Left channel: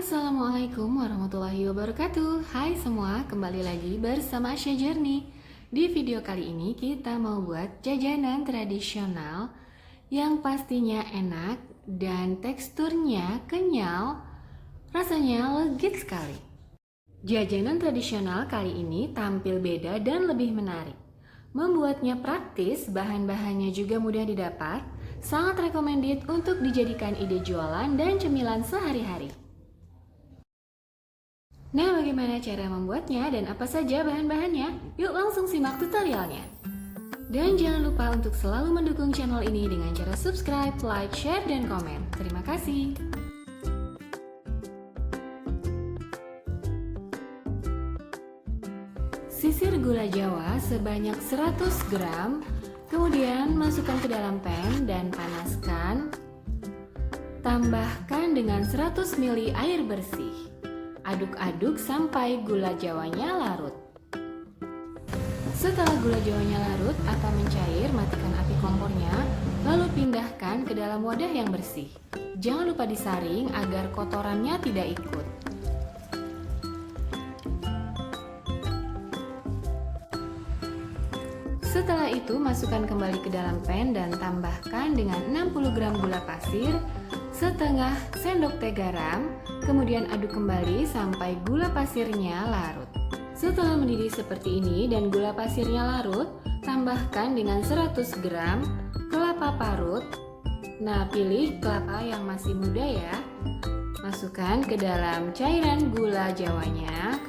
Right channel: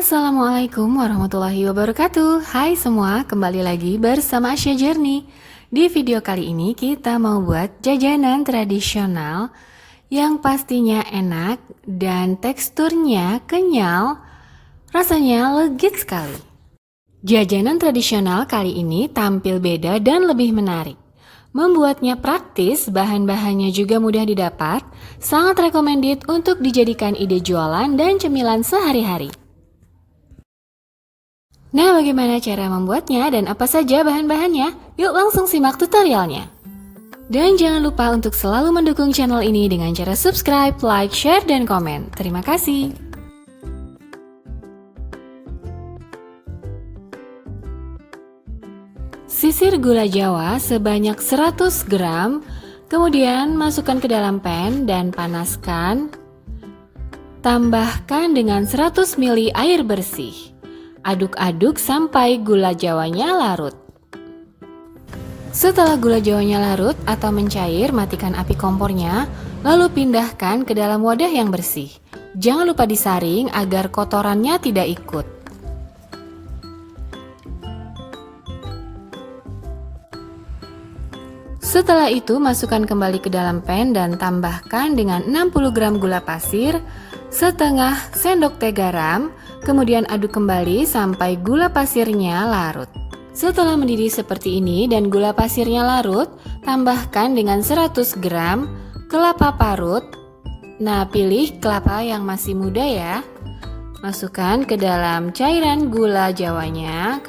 Assalamualaikum warahmatullahi wabarakatuh. Hai semua, kembali lagi bersama Asya Journey. Di video kali ini kita mau buat jajanan tradisional yang pastinya enak dan teksturnya kenyal, rasanya legit sekali. Jajanan tradisional kali ini tampil beda dan lebih menarik. Membuatnya praktis, bahan-bahannya juga mudah didapat, sangat recommended untuk dijadikan ide jualan dan cemilan sehari-hari. Nah, bagaimana cara membuatnya dan apa saja bahan-bahannya? Yuk langsung simak tutorialnya. Dan jangan lupa untuk selalu mendukung channel ini dengan cara subscribe, like, share, dan komen. Terima kasih. Sisir gula jawa sebanyak 100 gram, kemudian masukkan ke dalam pan dan panaskan. Tambahkan dengan 100 ml air bersih. Aduk-aduk sampai gula jawanya larut. Setelah gula jawanya larut atau mencair, matikan api kompornya, lalu pindahkan ke dalam wadah yang bersih. Jangan lupa disaring agar kotorannya tidak ikut. Setelah itu, masukkan kembali ke dalam pan dan tambahkan dengan 60 gram gula pasir, setengah sendok teh garam, kemudian aduk kembali sampai gula pasirnya larut. Setelah mendidih seperti ini dan gula pasirnya larut, tambahkan dengan 100 gram kelapa parut. Nah, pilih kelapa yang masih muda ya. Masukkan ke dalam cairan gula jawanya.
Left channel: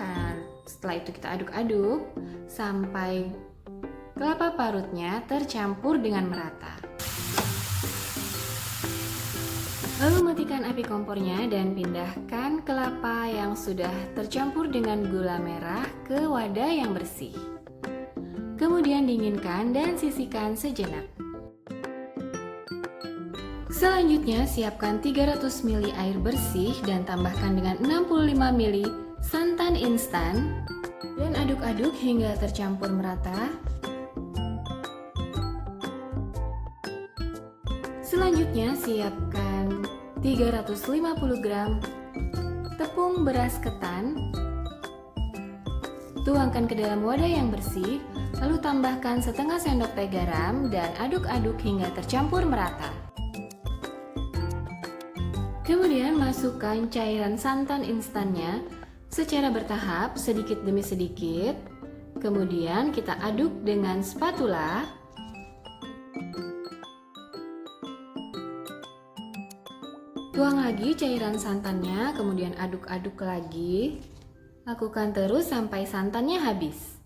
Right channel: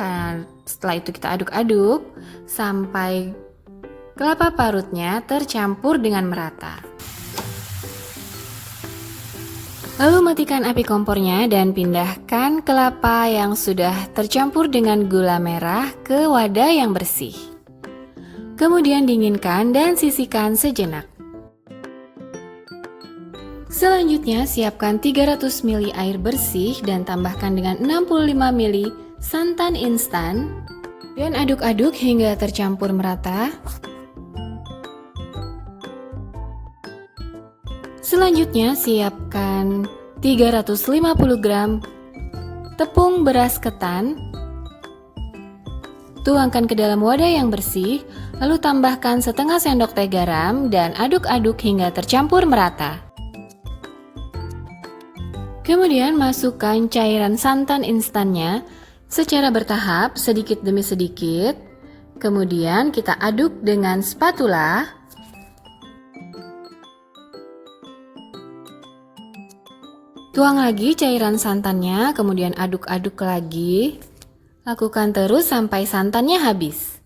Setelah itu kita aduk-aduk sampai kelapa parutnya tercampur dengan merata. Lalu matikan api kompornya dan pindahkan kelapa yang sudah tercampur dengan gula merah ke wadah yang bersih. Kemudian dinginkan dan sisihkan sejenak. Selanjutnya siapkan 300 ml air bersih dan tambahkan dengan 65 ml santan instan dan aduk-aduk hingga tercampur merata. Selanjutnya siapkan 350 gram tepung beras ketan. Tuangkan ke dalam wadah yang bersih, lalu tambahkan setengah sendok teh garam dan aduk-aduk hingga tercampur merata. Kemudian masukkan cairan santan instannya secara bertahap sedikit demi sedikit. Kemudian kita aduk dengan spatula. Tuang lagi cairan santannya, kemudian aduk-aduk lagi. Lakukan terus sampai santannya habis.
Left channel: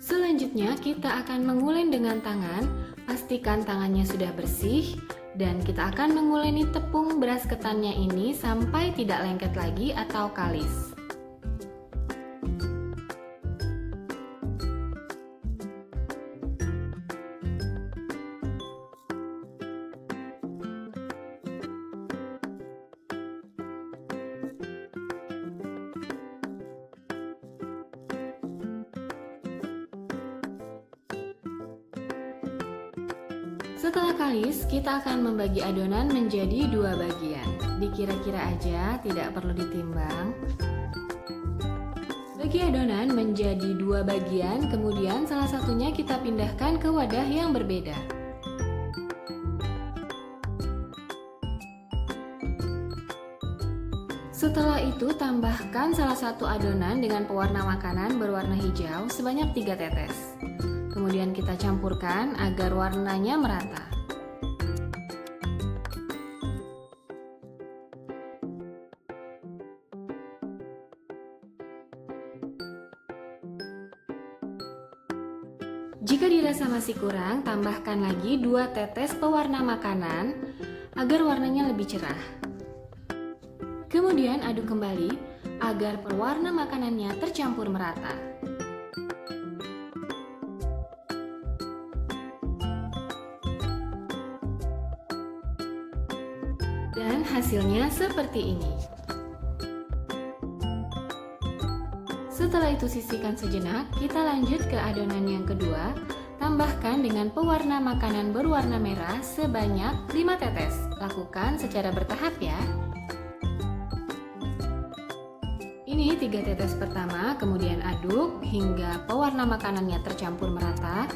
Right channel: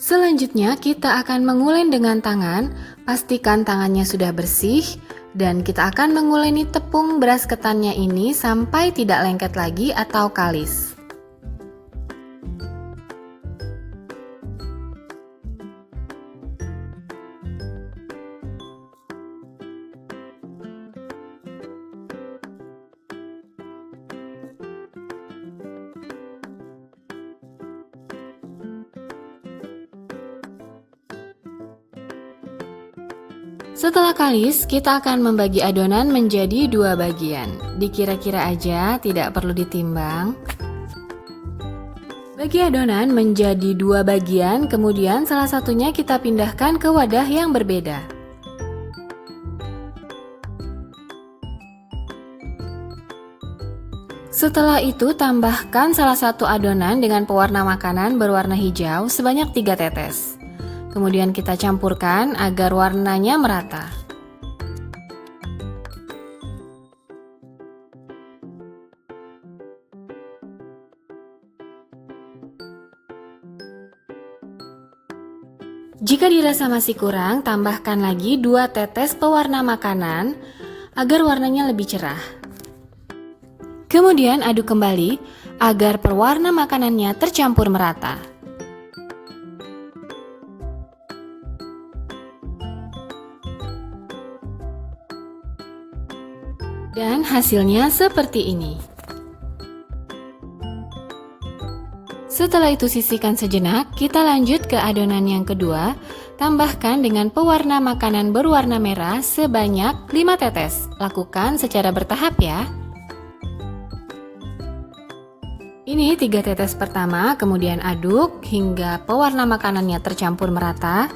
Selanjutnya kita akan menguleni dengan tangan. Pastikan tangannya sudah bersih dan kita akan menguleni tepung beras ketannya ini sampai tidak lengket lagi atau kalis. Setelah kalis, kita akan membagi adonan menjadi dua bagian. Dikira-kira aja, tidak perlu ditimbang. Bagi adonan menjadi dua bagian, kemudian salah satunya kita pindahkan ke wadah yang berbeda. Setelah itu, tambahkan salah satu adonan dengan pewarna makanan berwarna hijau sebanyak 3 tetes. Kemudian kita campurkan agar warnanya merata. Jika dirasa masih kurang, tambahkan lagi 2 tetes pewarna makanan agar warnanya lebih cerah. Kemudian aduk kembali agar pewarna makanannya tercampur merata. Dan hasilnya seperti ini. Setelah itu sisihkan sejenak, kita lanjut ke adonan yang kedua. Tambahkan dengan pewarna makanan berwarna merah sebanyak 5 tetes. Lakukan secara bertahap ya. Ini 3 tetes pertama, kemudian aduk hingga pewarna makanannya tercampur merata.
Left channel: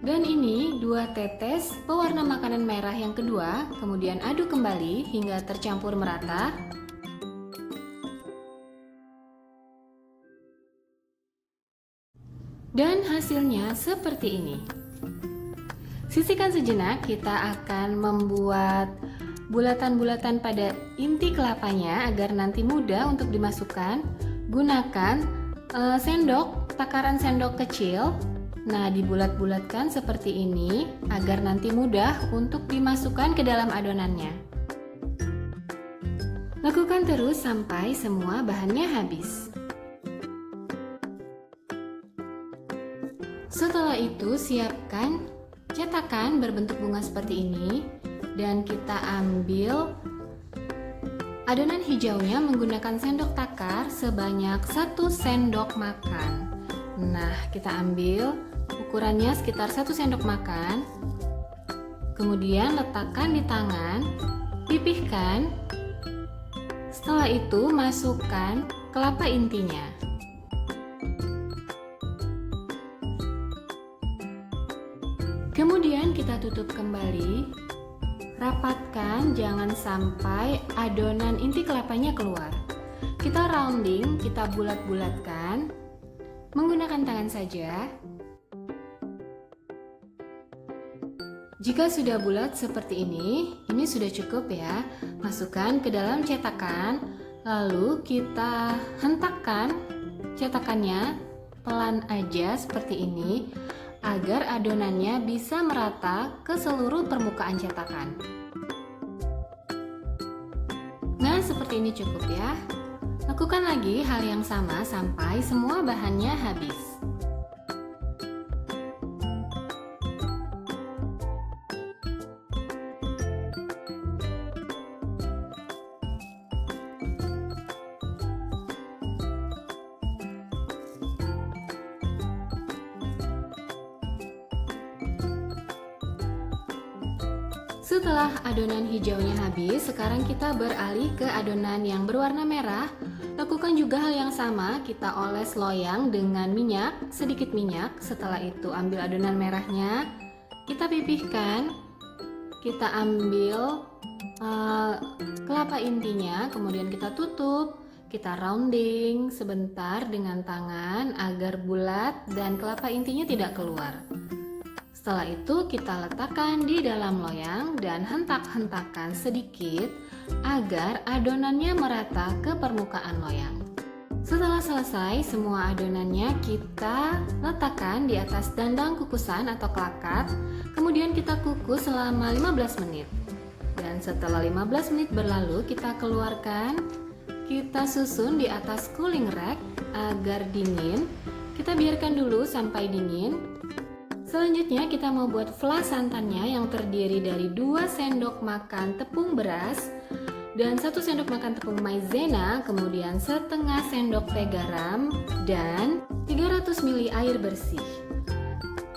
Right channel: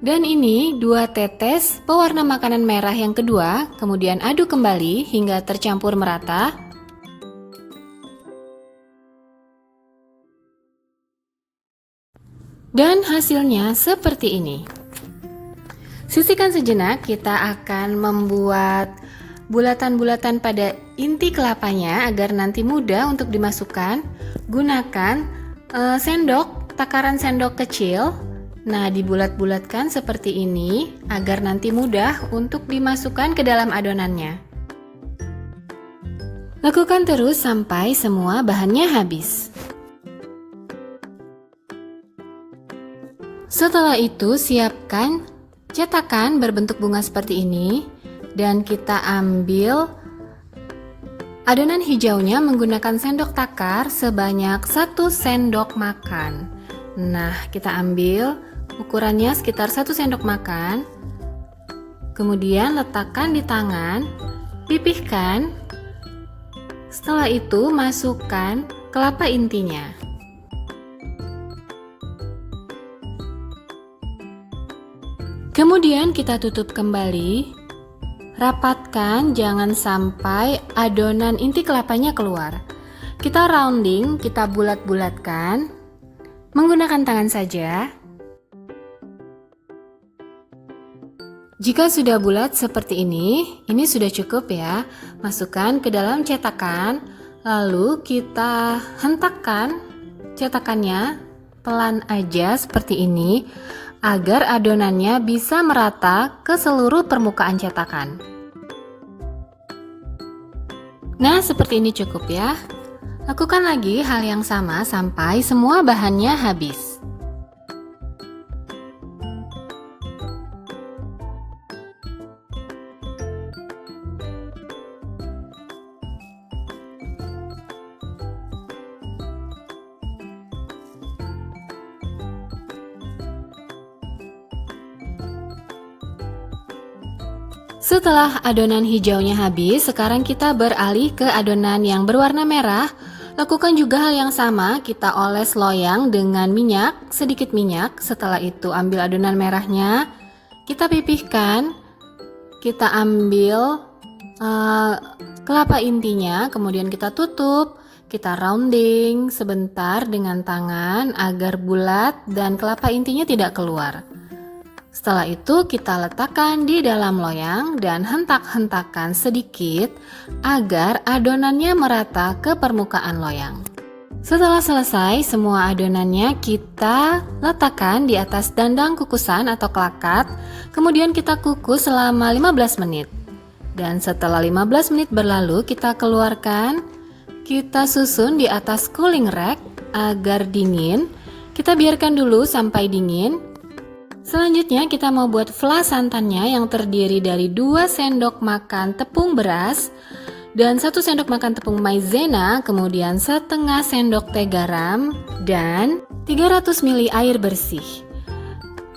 Dan ini 2 tetes pewarna makanan merah yang kedua, kemudian aduk kembali hingga tercampur merata. Dan hasilnya seperti ini. Sisihkan sejenak, kita akan membuat bulatan-bulatan pada inti kelapanya agar nanti mudah untuk dimasukkan. Gunakan takaran sendok kecil. Nah, dibulat-bulatkan seperti ini agar nanti mudah untuk dimasukkan ke dalam adonannya. Lakukan terus sampai semua bahannya habis. Setelah itu, siapkan cetakan berbentuk bunga seperti ini dan kita ambil adonan hijaunya menggunakan sendok takar sebanyak 1 sendok makan. Nah, kita ambil ukurannya sekitar 1 sendok makan. Kemudian letakkan di tangan, pipihkan. Setelah itu masukkan kelapa intinya. Kemudian kita tutup kembali. Rapatkan, jangan sampai adonan inti kelapanya keluar. Kita rounding, kita bulat-bulatkan menggunakan tangan saja. Jika sudah bulat seperti ini sudah cukup ya. Masukkan ke dalam cetakan, lalu kita hentakkan cetakannya pelan aja seperti ini agar adonannya bisa merata ke seluruh permukaan cetakan. Nah, seperti ini cukup ya. Lakukan lagi hal yang sama sampai semua bahannya habis. Setelah adonan hijaunya habis, sekarang kita beralih ke adonan yang berwarna merah. Lakukan juga hal yang sama, kita oles loyang dengan minyak, sedikit minyak. Setelah itu ambil adonan merahnya, kita pipihkan, kita ambil kelapa intinya, kemudian kita tutup, kita rounding sebentar dengan tangan agar bulat dan kelapa intinya tidak keluar. Setelah itu kita letakkan di dalam loyang dan hentak-hentakan sedikit agar adonannya merata ke permukaan loyang. Setelah selesai, semua adonannya kita letakkan di atas dandang kukusan atau kelakat, kemudian kita kukus selama 15 menit. Dan setelah 15 menit berlalu, kita keluarkan, kita susun di atas cooling rack agar dingin. Kita biarkan dulu sampai dingin. Selanjutnya kita mau buat flas santannya yang terdiri dari 2 sendok makan tepung beras dan 1 sendok makan tepung maizena, kemudian setengah sendok teh garam dan 300 ml air bersih.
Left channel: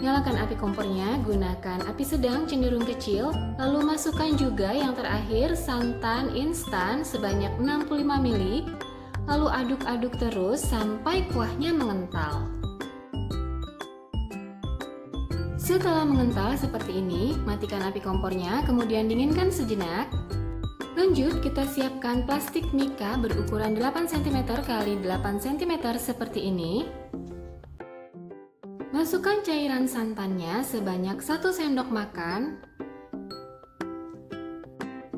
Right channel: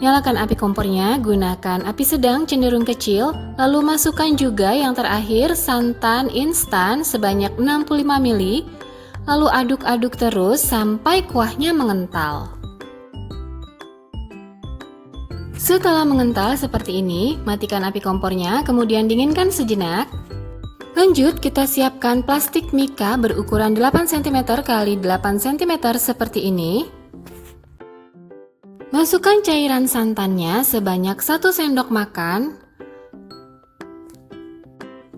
Nyalakan api kompornya, gunakan api sedang cenderung kecil, lalu masukkan juga yang terakhir santan instan sebanyak 65 ml, lalu aduk-aduk terus sampai kuahnya mengental. Setelah mengental seperti ini, matikan api kompornya, kemudian dinginkan sejenak. Lanjut, kita siapkan plastik mika berukuran 8 cm x 8 cm seperti ini. Masukkan cairan santannya sebanyak 1 sendok makan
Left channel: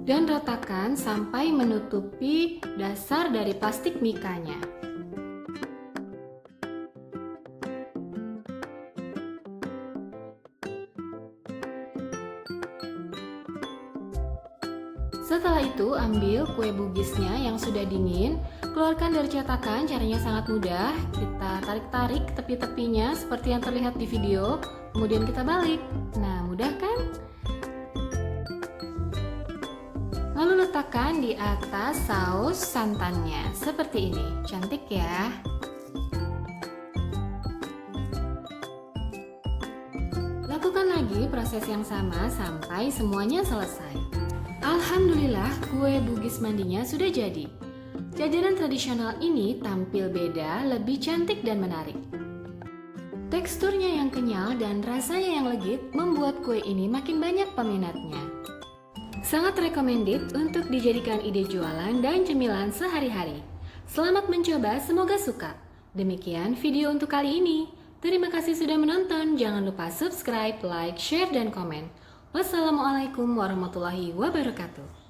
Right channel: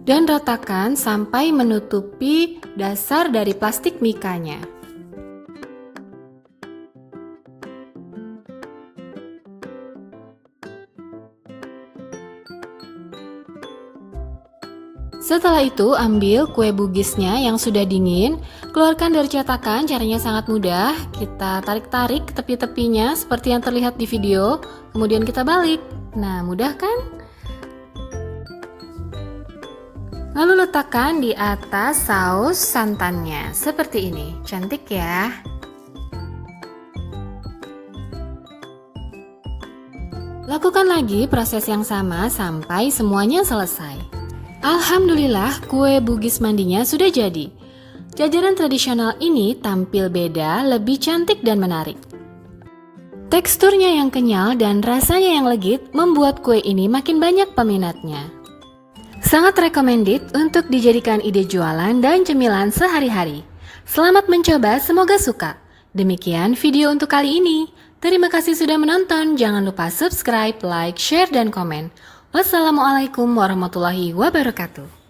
dan ratakan sampai menutupi dasar dari plastik mikanya. Setelah itu ambil kue bugisnya yang sudah dingin, keluarkan dari cetakan. Caranya sangat mudah, kita tarik-tarik tepi-tepinya seperti yang terlihat di video, kemudian kita balik. Nah, mudah kan? Lalu letakkan di atas saus santannya, seperti ini. Cantik ya. Lakukan lagi proses yang sama sampai semuanya selesai. Alhamdulillah, kue Bugis mandinya sudah jadi. Jajanan tradisional ini tampil beda, lebih cantik dan menarik. Teksturnya yang kenyal dan rasanya yang legit membuat kue ini makin banyak peminatnya. Sangat recommended untuk dijadikan ide jualan dan cemilan sehari-hari. Selamat mencoba, semoga suka. Demikian video untuk kali ini. Terima kasih sudah menonton. Jangan lupa subscribe, like, share, dan komen. Wassalamualaikum warahmatullahi wabarakatuh.